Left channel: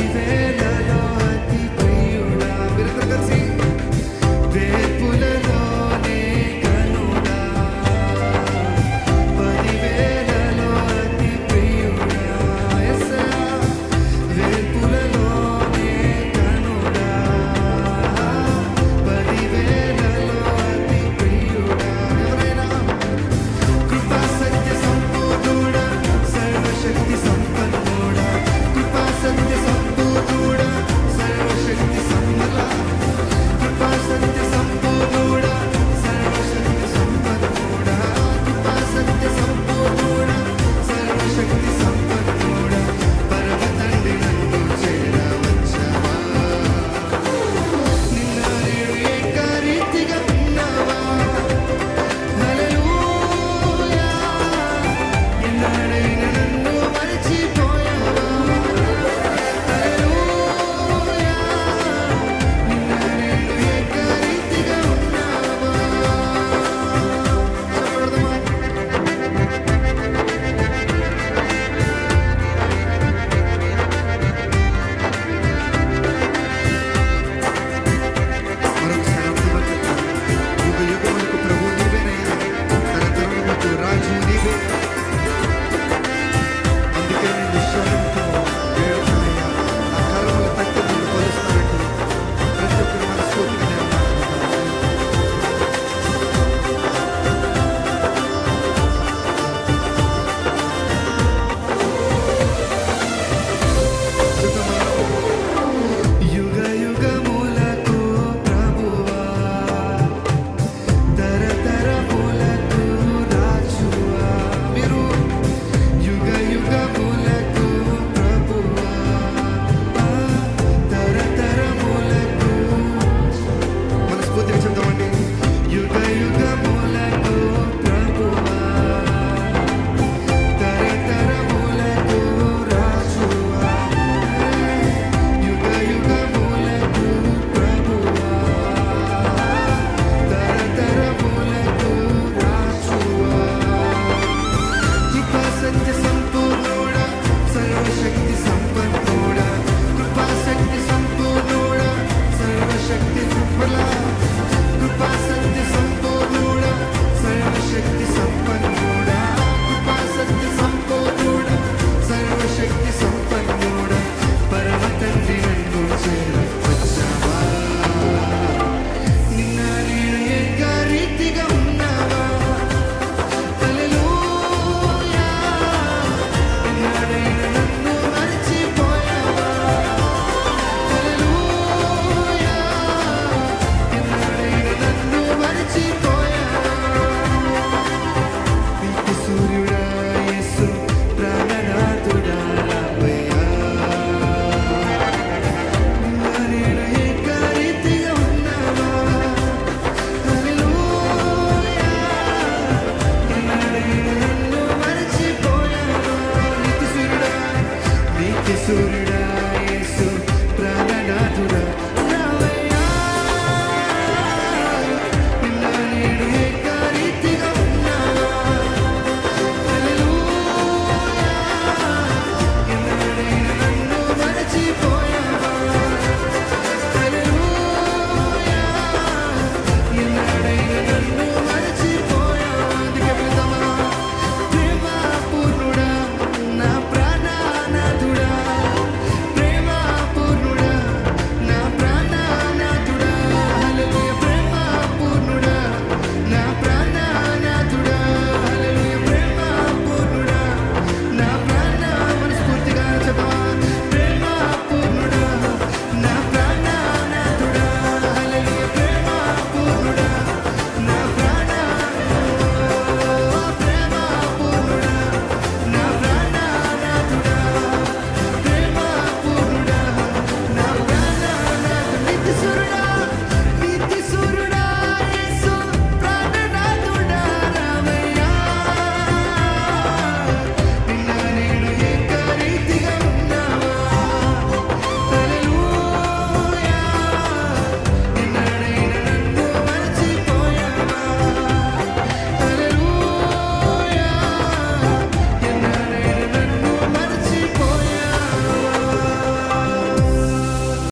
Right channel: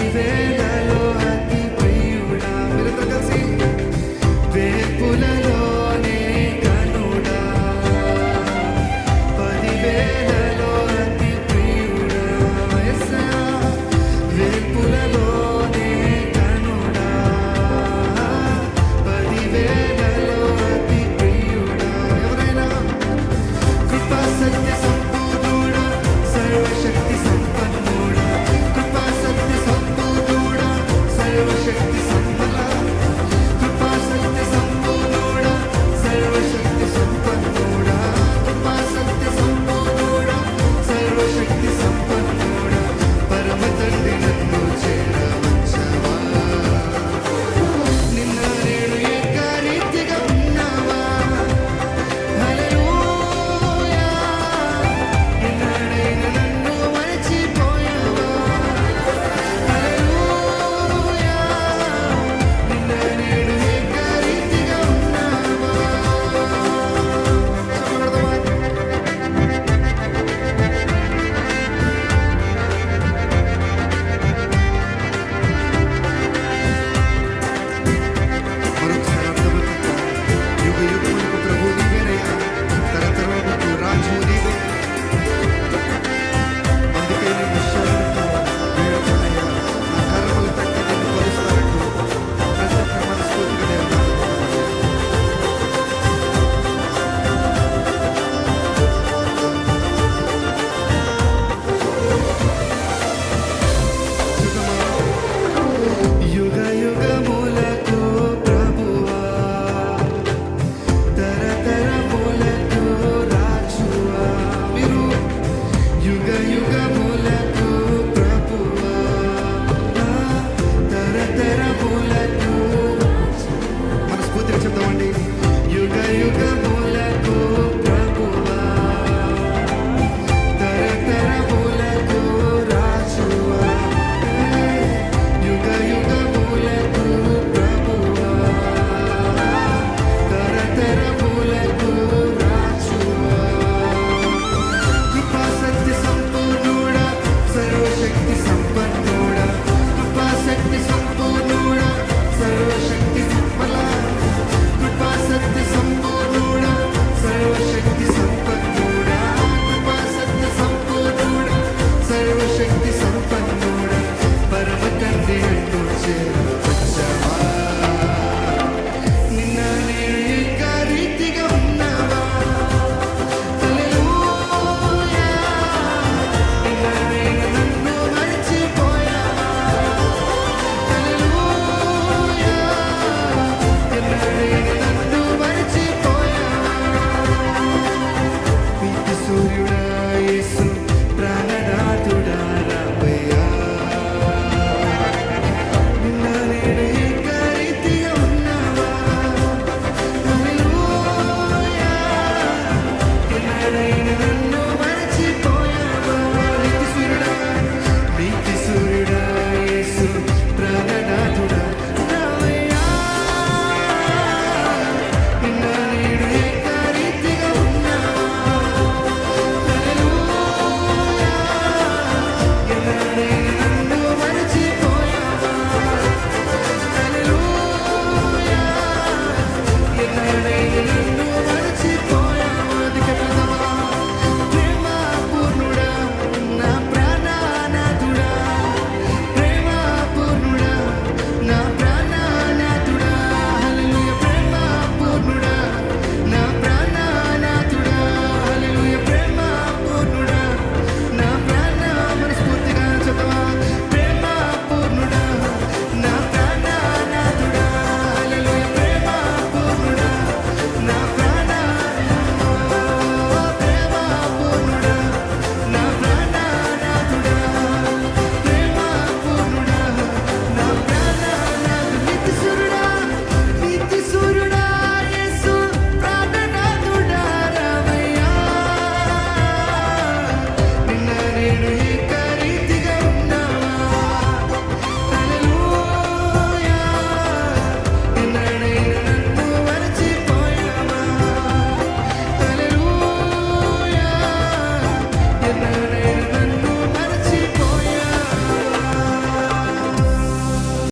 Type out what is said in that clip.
పదివేలలో అతి ప్రియుడా. మీరందరూ కలిసి వేపులలోనే కనుడా, పదివేలలో అతి ప్రియుడా. యేసయ్యా వేల్పులలోనే కనుడా, పదివేలలో అతి ప్రియుడా. ఎవరైనా కృపా సత్య సంపూర్ణుడా, సర్వశక్తి సంపన్నుడా, కృపా సత్య సంపూర్ణుడా, సర్వశక్తి సమ్మలా, కృపా సత్య సంపూర్ణుడా, సర్వశక్తి సంపన్నుడా, కృపా సత్య సంపూర్ణుడా, సర్వశక్తి సంపన్నుడా. పరమ తండ్రి నన్ను చేరవచ్చవా, నిన్న నేడు ఏకరీతిగా ఉన్నావా. హల్లెలూయా, ఎన్నడైనా నన్ను మరచిపోయావా. హల్లెలూయా, నిన్న నేడు ఏకరీతిగా ఉన్నావా. చెప్పగలదమ్మా. మరొకసారి అర్థమవుతుందా? యుగ యుగములకు ప్రభు నీవేనయ్యా, తరతరములకు రాజు నీవే. అందుకే నేను శరణతో వేడుతానయ్యా, నా కర్మలు తట్టి నిన్ను కొలుస్తానంటూ ప్రతి ఒక్కరు మనస్ఫూర్తిగా దేవుని ఆరాధించాలి. చూద్దామా? యుగ యుగములకు ప్రభువా, తరతరములకు రాజువా. మీరు యుగ యుగములకు ప్రభువా, తరతరములకు. మనస్ఫూర్తిగా చెప్తామండి. యుగ యుగములకు ప్రభువా, తరతరములకు రాజువా. యుగ యుగములకు ప్రభువా, తరతరములకు రాజువా. కృపా సత్య సంపూర్ణుడా, సర్వశక్తి సంపన్నుడా, కృపా సత్య సంపూర్ణుడా, సర్వశక్తి సంపలా, కృపా సత్య సంపూర్ణుడా, సర్వశక్తి సంపన్నుడా, కృపా సత్య సంపూర్ణుడా, సర్వశక్తి సంపన్నుడా. పరమ తండ్రి నన్ను చేరవచ్చవా, నిన్న నేను ఏకరీతిగా ఉన్నావా. హల్లెలూయా, ఎన్నడైనా నన్ను మరచిపోయావా. హల్లెలూయా, ఎన్నడైనా నన్ను మరచిపోయావా. నీతి సూర్యుడా యేసు, ప్రాణనాథుడా రావయ్యా. నిన్న నేను ఏకరీతిగా ఉన్నావా. హల్లెలూయా, ఎన్నడైనా నన్ను మరచిపోయావా. నీతి సూర్యుడా, నీతి సూర్యుడా